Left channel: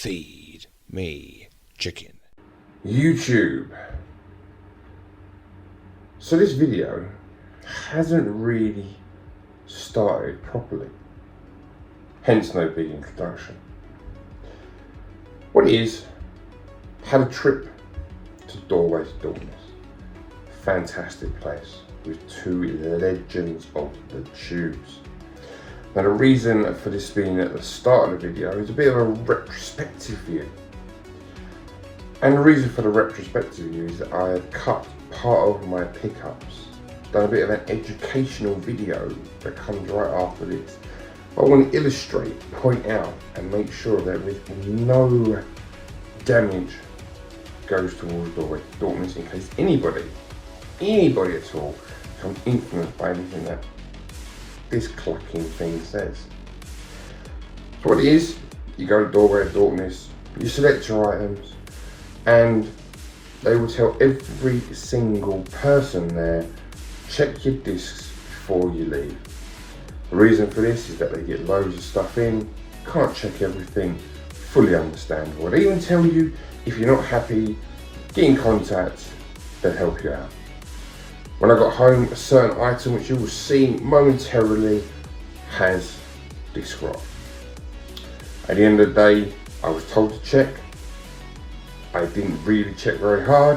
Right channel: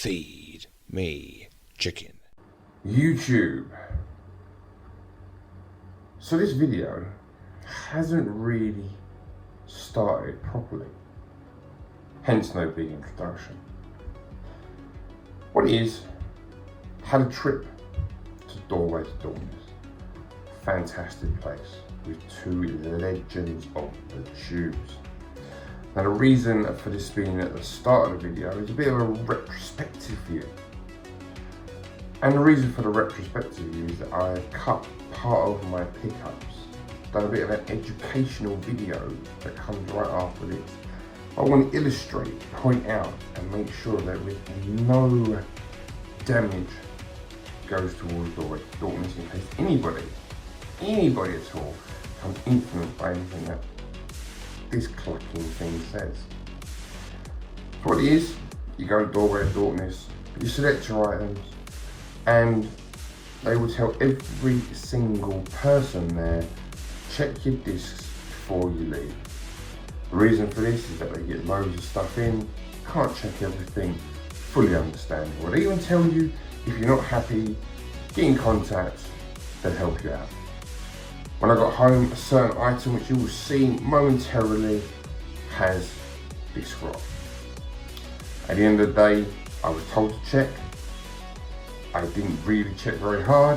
Feed me chicken. YouTube. So this video hasn't really started properly, hence no big introduction. What it is, had a trip to Doorway to Dorkness. Fantastic place with two legends of the tubes. Now the reason for this being at the start of the video is a bit of a retrospective view. And the reason for the retrospective view is that I have cut part of my pickups, done a bit of an educational video that comes right after this. I want to illustrate, point out and make sure that with no damage goes towards Doorway to Dorkness in case anybody at all becomes influenced by anything that this clucking thing says. So what it is, you go to Doorway to Dorkness, you select your items, and they will tell every single person there, check your discs before you leave. The reason for this is that they get loads of stuff in, can't check everything, fully understandable. They even tell you if you're not happy, get in contact, they'll help you out. When I got home, a certain item which you will see momentarily has disc rot. At the end of the day, I was told to check. I didn't really check very hard,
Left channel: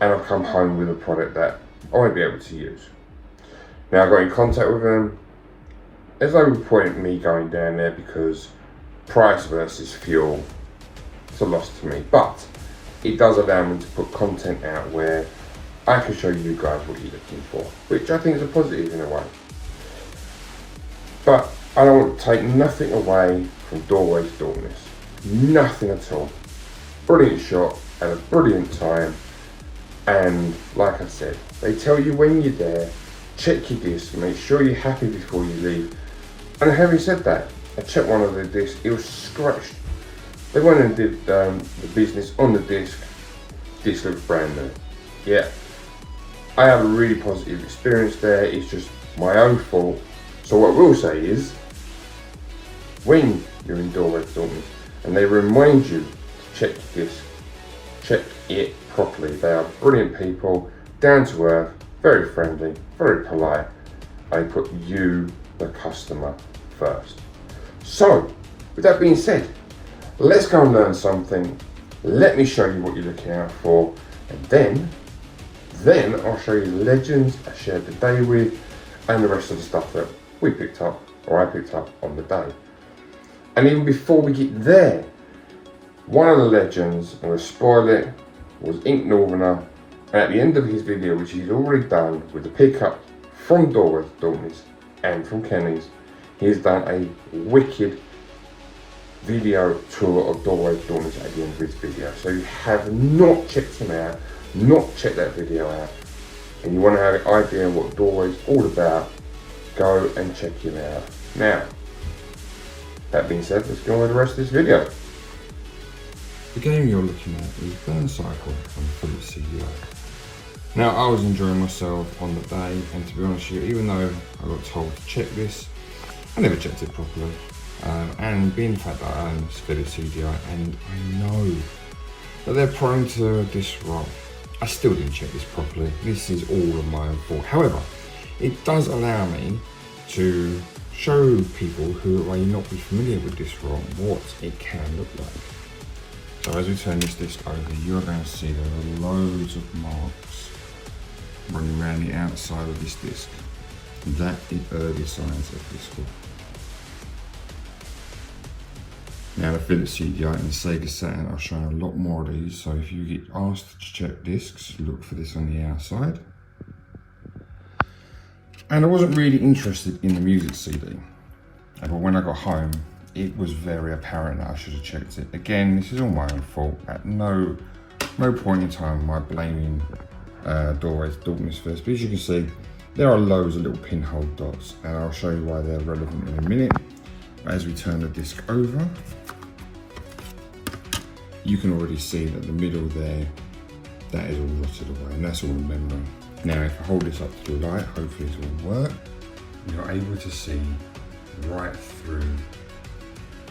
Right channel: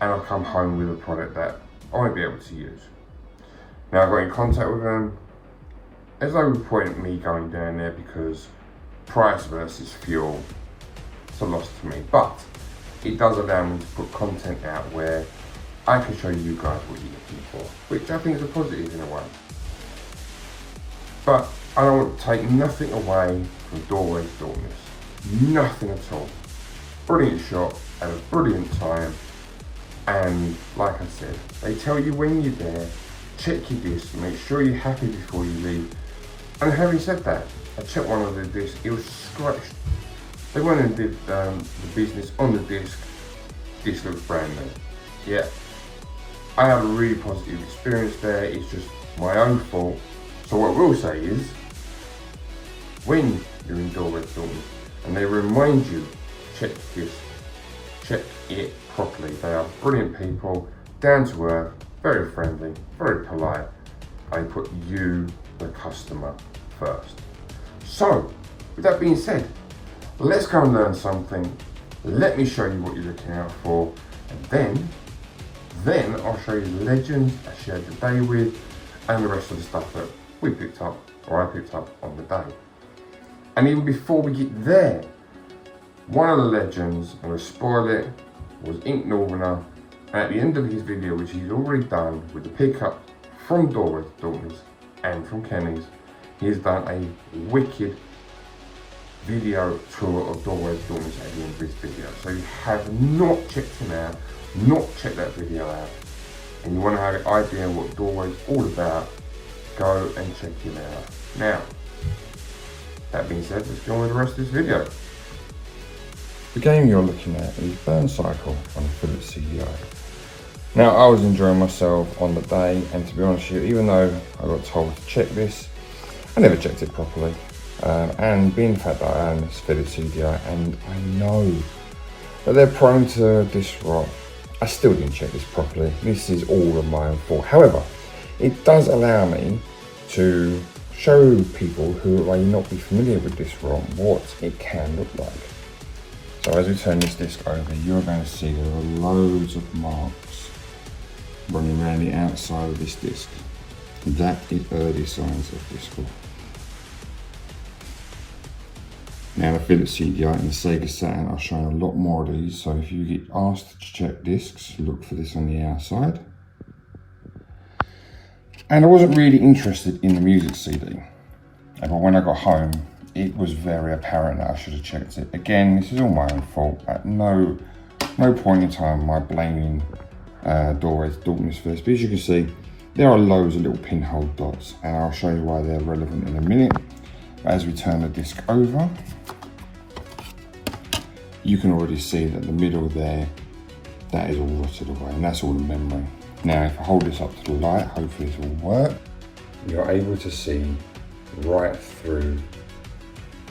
and I've come home with a product that I won't be able to use. Now I got in contact with them. There's no point in me going down there because price versus fuel, it's a loss to me. But it does allow me to put content out where I can show you guys what you're looking for, which I think is a positive in a way. But I don't want to take nothing away from Doorway to Dorkness. Nothing at all. Brilliant shot and a brilliant time. And like I said, they tell you when you're there, check your disc, make sure you're happy before you leave. And having said that, I checked one of the discs, it was scratched. They went and did the business on the disc. Disc looks brand new. Yeah, I had a really positive experience there. It's just my own fault. So what we'll say is, when you're in Doorway to Dorkness and they remind you to check your disc, check it properly. They are brilliant people, down to earth, very friendly, very polite. They put you, the customer, first. So, with that being said, let's go and learn something. Let me show you what you're looking out for, and then I'll show you the legends I shared the day with, and the rest of the stuff that we picked up, or I picked up on the day. And even before we get there, one of the legends, I'm going to spoil it, was Ink Northerner. And at the end of his video, which he's already done with the pickup from Doorway to Dorkness and from Kenny's, he's done a wicked video tour of Doorway to Dorkness at the end of his video. So you have not checked him out, not checked that video out, and you want to have an idea of what Doorway's all about, go and check him out. Now, that being said, let's go on with the rest of this video. The game you're looking at is Burn Cycle on the Philips CDI. Now, I was enjoying myself on the day, and to be honest with you, even though I got told to check this, I never checked it properly. And being the fact that I own this Philips CDI, and I know that they're prone to disc rot, I still didn't check this properly. This is all of my own fault. However, it does allow me to show people who may not be familiar with disc rot what it can look like. So as we turn this disc over, you're going to see there are loads of marks running around the outside of this disc. That is early signs of disc rot. Now the Philips CDI and the Sega Saturn, I'll show you a lot more of these. So if you get asked to check discs, look for this on the outside. And I wasn't really interested in the music CD. But when I got home, it was very apparent that I should have checked it. Again, this is all my own fault. At no point in time am I blaming Doorway to Dorkness for this. But as you can see, there are loads of little pinhole dots, and I'll show you why they're relevant in a minute. But as we turn the disc over, you can already see that the middle there, that is all rotted away, and that's all the memory. Now, if I hold this up to the light, hopefully this will work. You're able to see right through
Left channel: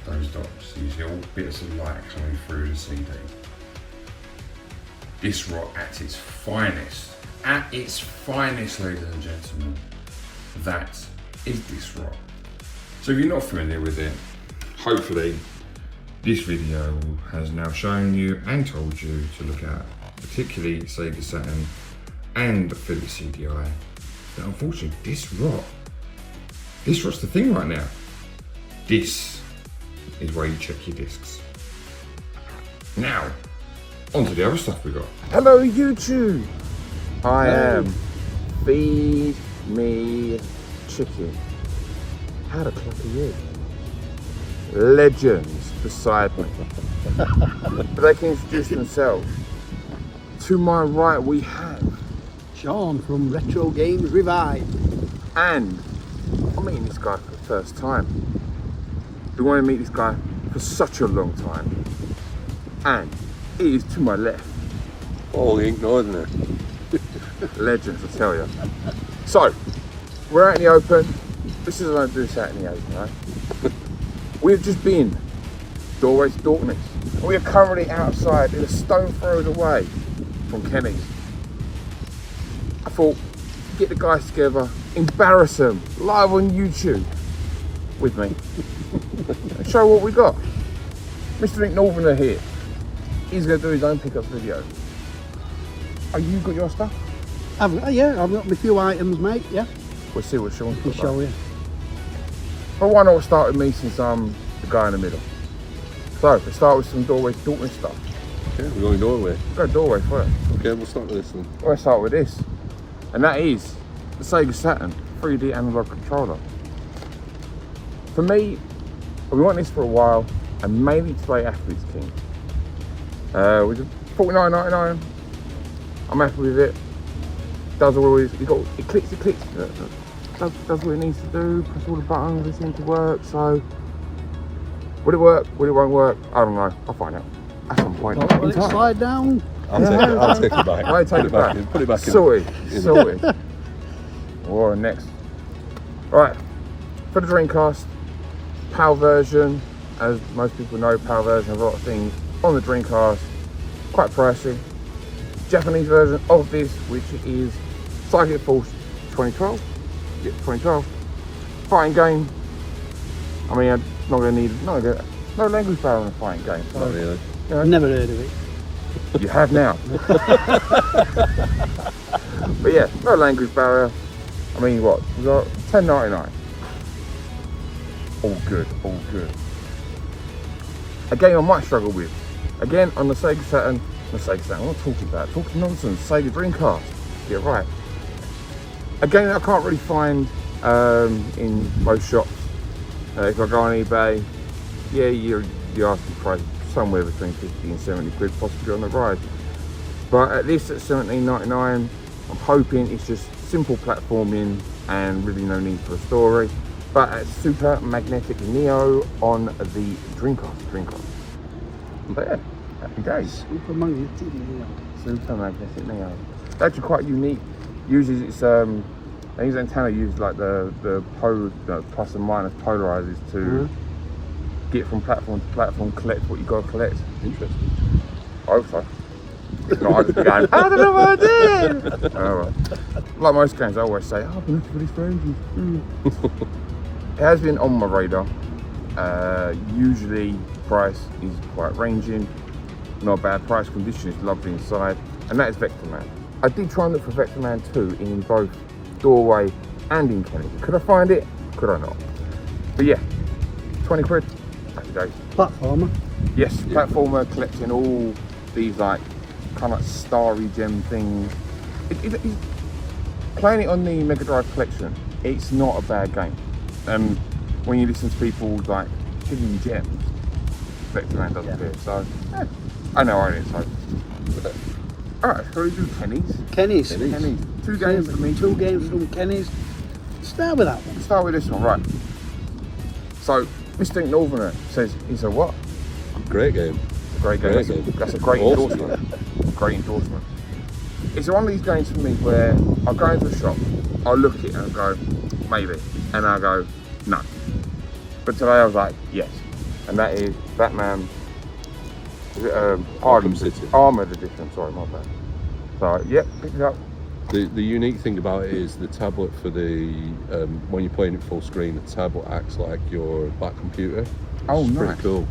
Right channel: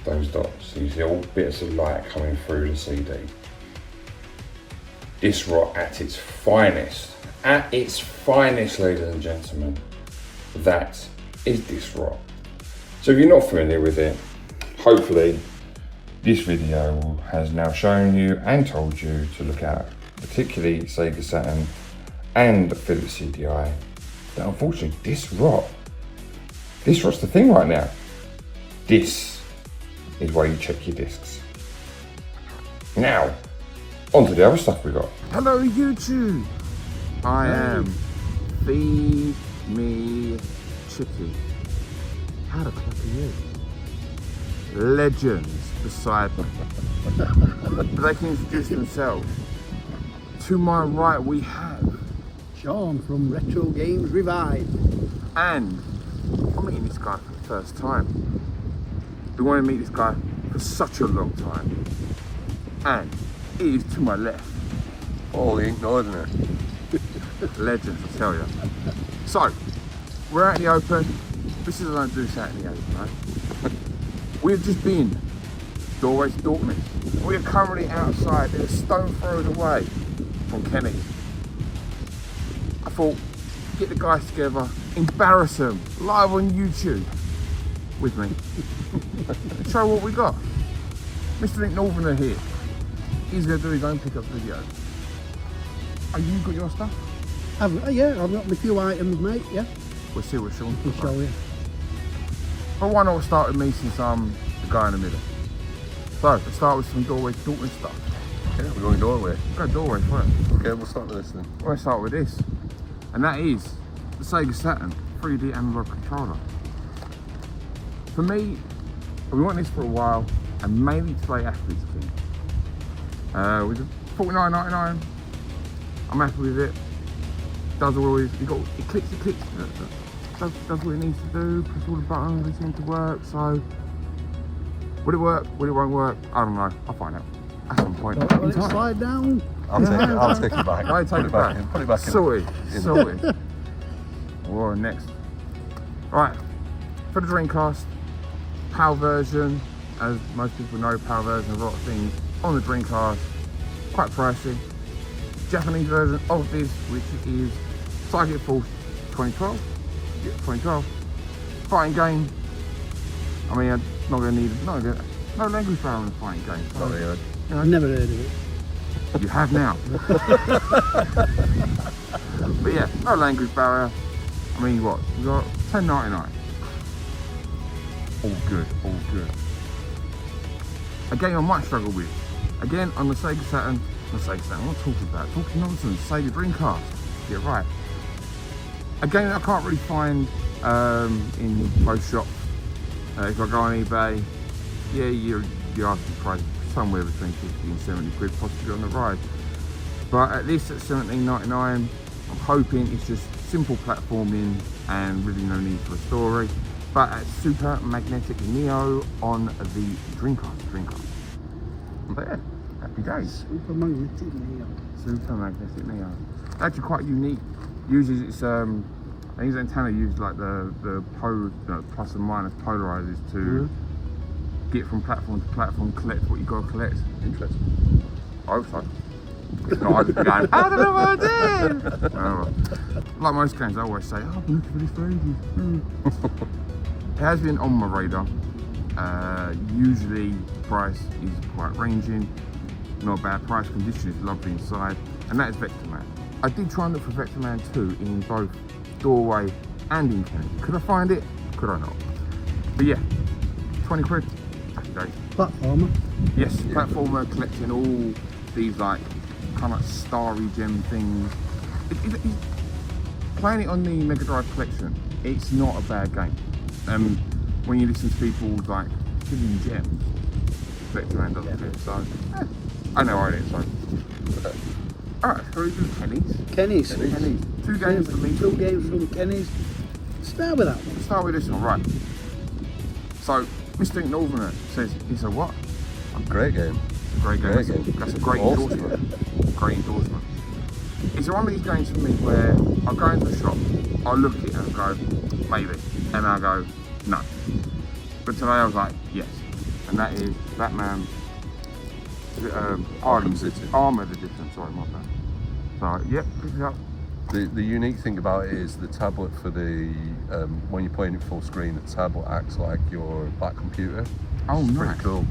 those dots, these little bits of light coming through the CD. This rot at its finest, ladies and gentlemen, that is this rot. So if you're not familiar with it, hopefully this video has now shown you and told you to look at, particularly Sega Saturn and Philips CDI, that unfortunately this rot's the thing right now. This is where you check your discs. Now, on to the other stuff we got. Hello YouTube! I am Feed Me Chicken. How the clock are you? Legends beside me. But they can introduce themselves. To my right we have Sean from Retro Games Revived. And I'm meeting this guy for the first time. Been wanting to meet this guy for such a long time. And he is to my left. Oh, he ain't nothing there. Legends, I tell you. So, we're out in the open. This is what I do this out in the open, right? We've just been doorway to Dorkness. We are currently outside, in a stone throw away from Kenny's. I thought, get the guys together, embarrass them live on YouTube with me, and show what we got. Mr. Nick Northerner here. He's going to do his own pickup video. Are you got your stuff? Yeah, I've got a few items, mate, yeah. We'll see what Sean's I'll got. show you. But why not start with me since I'm the guy in the middle? So, let's start with some doorway to Dorkness stuff. Okay, we're going doorway. Go doorway first. Okay, we'll start with this then. Well, let's start with this. And that is the Sega Saturn 3D analog controller. For me, we want this for a while, and mainly to play Athlete's King. With $49.99, I'm happy with it. Does always, it clicks, does what it needs to do, press all the buttons, they seem to work, so will it work, will it won't work, I don't know, I'll find out at some point Let in it time. slide down. I'll take it back. I take it back. Put it back in. Sorted. Or next. Right, for the Dreamcast, PAL version, as most people know, PAL version of a lot of things on the Dreamcast, quite pricey. Japanese version of this, which is Psychic Force 2012. Yeah, 2012. Fighting game. I mean, I'm not going to need no language barrier in a fighting game. So, Right, yeah. you know, Never heard of it. you have now. But yeah, no language barrier. I mean, what? We got $10.99. All good, all good. A game I might struggle with. Again, on the Sega Saturn. I'm not talking about. Talking nonsense. Sega Dreamcast. Get right. A game that I can't really find in most shops. If I go on eBay, yeah, you're asking price somewhere between 50 and 70 quid, possibly on the ride. But at least at $17.99, I'm hoping it's just simple platforming and really no need for a story. But at Super Magnetic Neo on the Dreamcast. But yeah, happy days. Super Magnetic Neo. Super Magnetic Neo. It's actually quite unique. Usually it's I think antenna used like the plus and minus polarizers to get from platform to platform, collect what you got to collect. Interesting. I hope so. If not, I just be going, I don't know what I did! Oh, well. Like most games, I always say, oh, I've been looking for this for ages. It has been on my radar. Usually price is quite ranging. Not a bad price, condition is lovely inside. And that is Vector Man. I did try and look for Vector Man 2 in both Doorway and in Kenny. Could I find it? Could I not? But yeah, 20 quid, happy days. Platformer. Yes, platformer, collecting all these like kind of starry gem things. Playing it on the Mega Drive collection, it's not a bad game. When you listen to people like hidden gems, Vector Man doesn't appear. So I know I did. So alright, so we do Kenny's. Kenny's. Two games for me. Two games from Kenny's. Start with that one. Let's start with this one, right? So Mr. Northerner says it's a what? Great game. Great game. That's a great Awesome. endorsement. Great endorsement. It's one of these games for me where I'll go into a shop, I'll look at it and I'll go, maybe. And I'll go, no. But today I was like, yes. and that is Batman. Is it, Arkham City. Armored Edition. Sorry, my bad. So yep, pick it up. The unique thing about it is the tablet for the when you're playing it full screen, the tablet acts like your back computer. Oh, It's nice. pretty cool.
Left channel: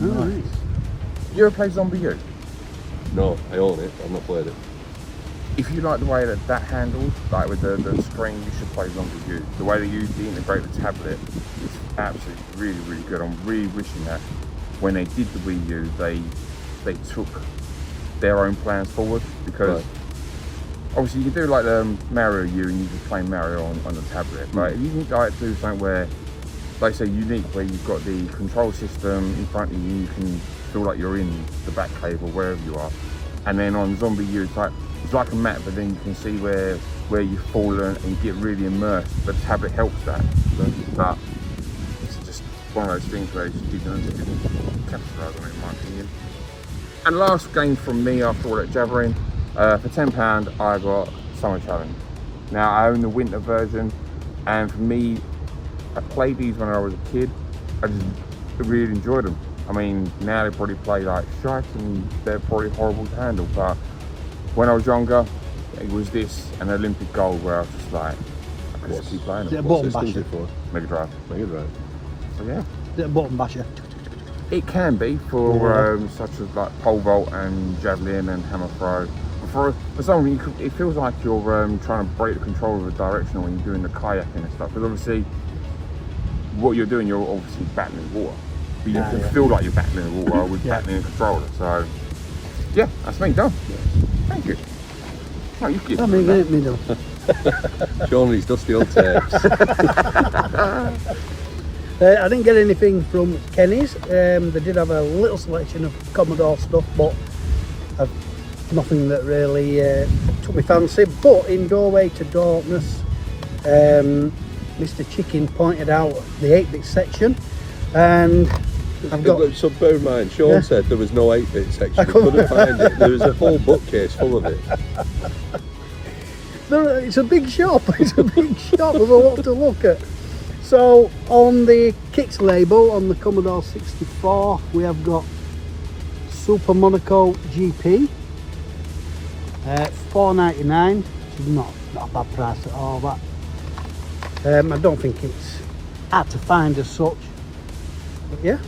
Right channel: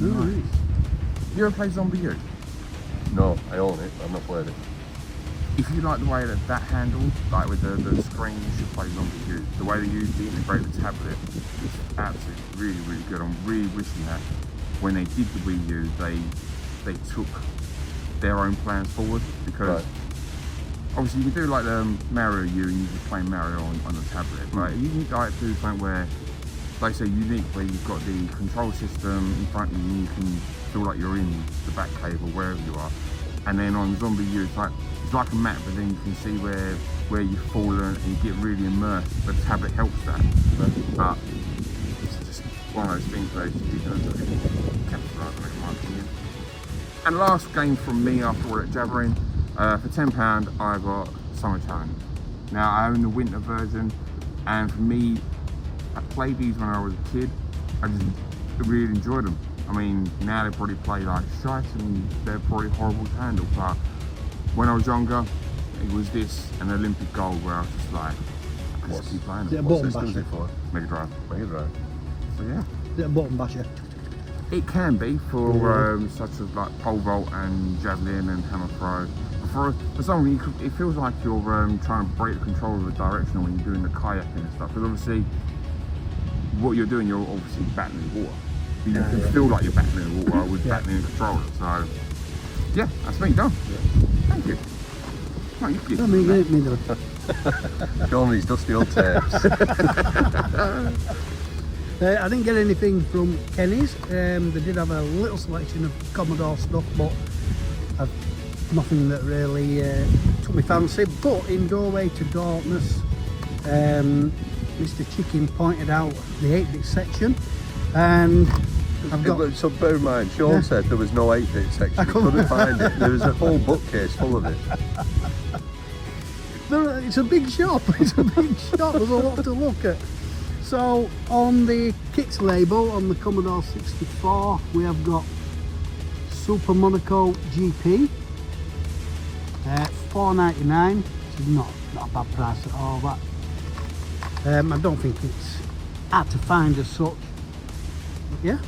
Nice. You ever play Zombie U? No, I own it. I've not played it. If you like the way that handles, like with the screen, you should play Zombie U. The way they integrate the tablet is absolutely really good. I'm really wishing that when they did the Wii U, they took their own plans forward, because Right. obviously you can do like the Mario U and you just play Mario on the tablet, but if you can like do something where, like say, unique, where you've got the control system in front of you and you can feel like you're in the back cave or wherever you are, and then on Zombie U it's like a map, but then you can see where you've fallen and you get really immersed. But the tablet helps that, but it's just one of those things where it just didn't capitalise on it, in my opinion. And last game from me after all that jabbering, for £10 I got Summer Challenge. Now I own the winter version, and for me, I played these when I was a kid. I just really enjoyed them. I mean, now they probably play like shite and they're probably horrible to handle, but when I was younger, it was this and Olympic gold where I was just like, I could just keep playing Is it a them. What button system is basher? it for? Mega Drive. Mega Drive. So yeah, Is it a button basher? it can be for such as like pole vault and javelin and hammer throw. But for some reason, it feels like you're trying to break the control of a directional when you're doing the kayaking and stuff. Because obviously, what you're doing, you're obviously battling the water. But you can feel like you're battling the water with battling a controller. So yeah, that's me done. Thank you. Oh, you give I mean, me get it, me though. Showing these dusty old tapes. I didn't get anything from Kenny's. They did have a little selection of Commodore stuff, but nothing that really took me fancy. But in Doorway to Darkness, Mr. Chicken pointed out the 8-bit section, and I've got. So bear in mind, Sean Yeah. said there was no 8-bit section. I He couldn't find it. There was a whole bookcase full of it. It's a big shop. It's a big shop. There's a lot to look at. So on the kits label on the Commodore 64, we have got Super Monaco GP, $4.99, which is not a bad price at all. That I don't think it's hard to find as such. But yeah.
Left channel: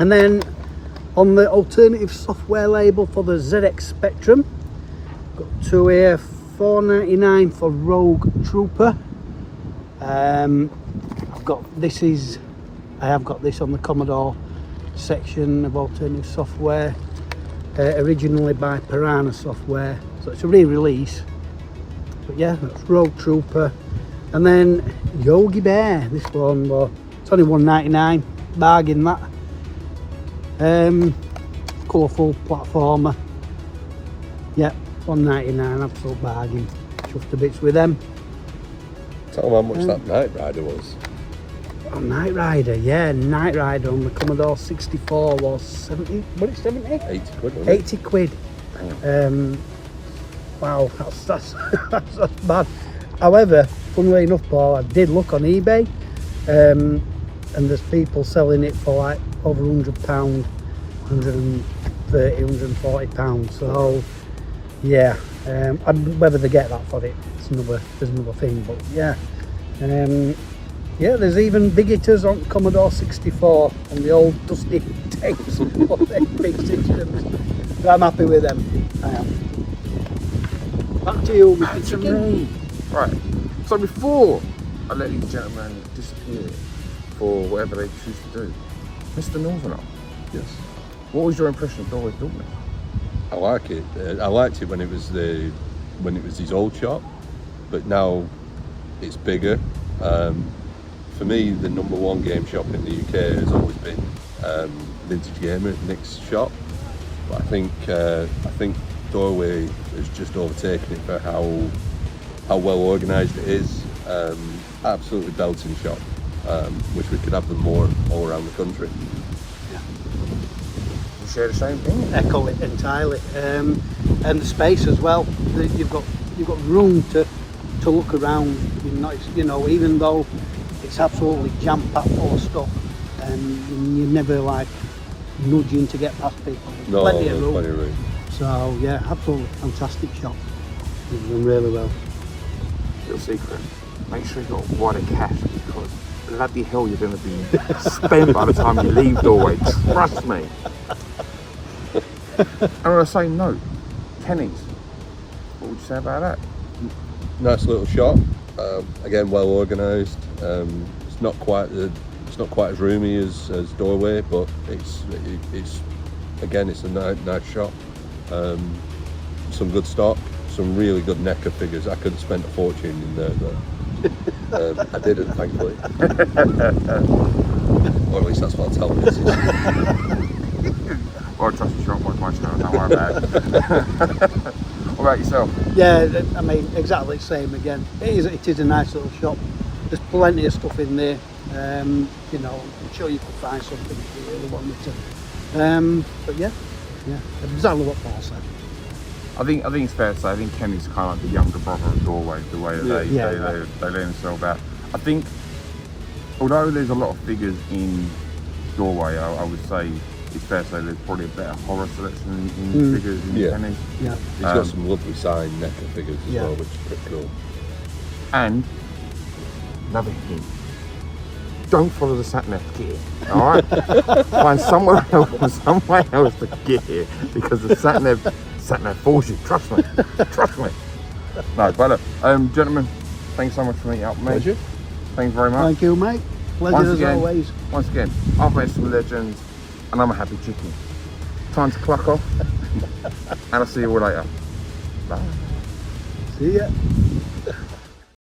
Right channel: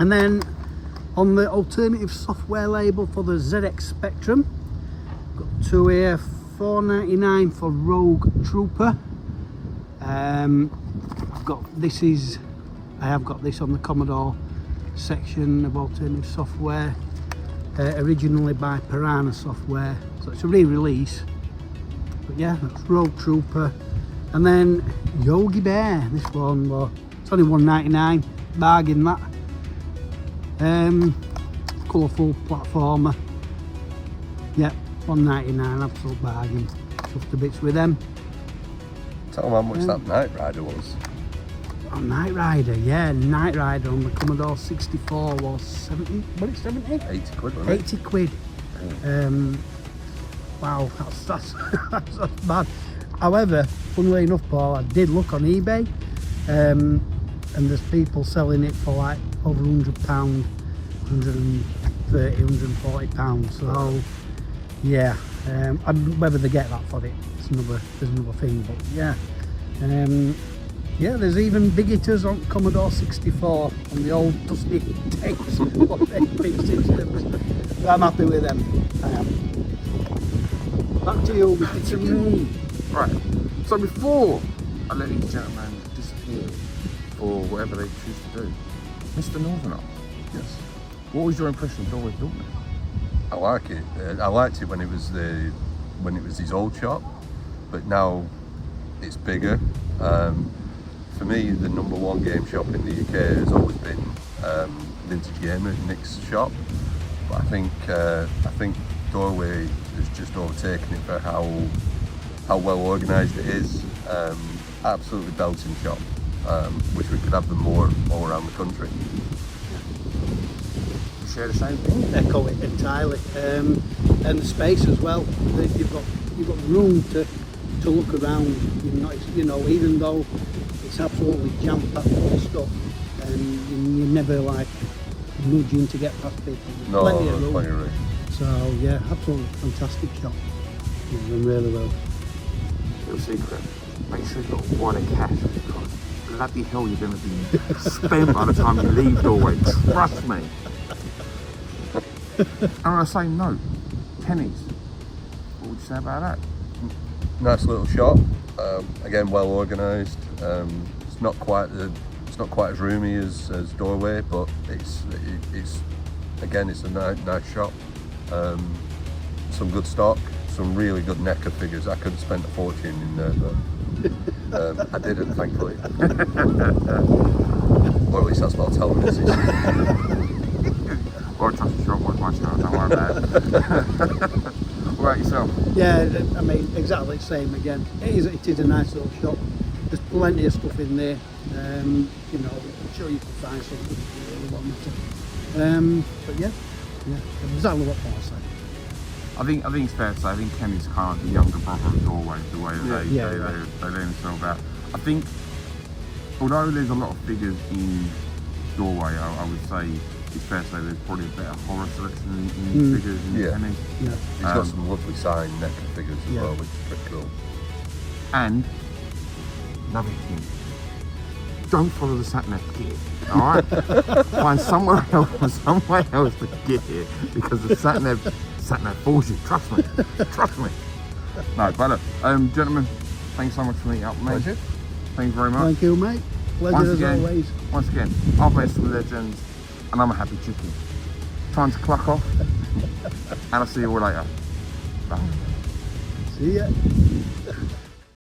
And then on the alternative software label for the ZX Spectrum, got two here, $4.99 for Rogue Trooper. I have got this on the Commodore section of alternative software, originally by Piranha Software, so it's a re-release. But yeah, that's Rogue Trooper. And then Yogi Bear, this one, well, it's only $1.99, bargain that. Colourful platformer, yep, $1.99, absolute bargain. Chuffed to bits with them. Tell them how much that Knight Rider was. Oh, Knight Rider, yeah, Knight Rider on the Commodore 64 was 70, what is it, 70? 80 quid, wasn't it? 80 quid. Wow, that's bad. However, funnily enough, Paul, I did look on eBay, and there's people selling it for like over £100, 130, 140 pounds. So yeah, and whether they get that for it, there's another thing. But yeah, yeah, there's even big hitters on Commodore 64 and the old dusty tapes of big systems. But I'm happy with them. I am. Back to you, Mr. Chicken. Right, so before I let these gentlemen disappear for whatever they choose to do, Mr. Northerner, Yes. what was your impression of Doorway to Darkness? I like it. I liked it when it was his old shop, but now it's bigger. For me, the number one game shop in the UK has always been Vintage Gamer, Nick's shop. But I think Doorway has just overtaken it for how well organised it is. Absolutely belting shop. Wish we could have them more all around the country. You share the same thing? Echo it entirely, and the space as well. You've got room to look around. You've not, even though it's absolutely jam packed full of stuff, you're and you're never like nudging to get past people. No, Plenty there's of room. plenty of room. So yeah, absolutely fantastic shop. You've done really well. Little secret, make sure you've got wider cash because bloody hell you're going to be spent by the time you leave Doorway, trust me. And on the same note, tennies, what would you say about that? Nice little shop. Again, well organised. It's not quite as roomy as Doorway, but it's again it's a nice shop. Some good stock, some really good NECA figures. I could have spent a fortune in there though. I didn't, thankfully. Or at least that's what I'll tell them. I trust the shop, watch my channel, don't worry about it. What about yourself? Yeah, I mean exactly the same again. It is a nice little shop. There's plenty of stuff in there. You know, I'm sure you can find something if you really want me to. But yeah, exactly what Paul said. I think it's fair to say, I think Kenny's kind of like the younger brother of Doorway, the way that they lay themselves out. I think, although there's a lot of figures in Doorway, I would say it's fair to say there's probably a better horror selection in figures in Kenny's. Yeah. He's got some lovely signed NECA figures as well, which is pretty cool. And another hint, don't follow the sat nav gear, alright? Find somewhere else to get here because the sat nav fools you, trust me. No, but look, gentlemen, thanks so much for meeting up with me. Pleasure. Thanks very much. Thank you, mate. Pleasure as always. Once again, I've met some legends and I'm a happy chicken. Time to clock off and I'll see you all later. Bye. See ya.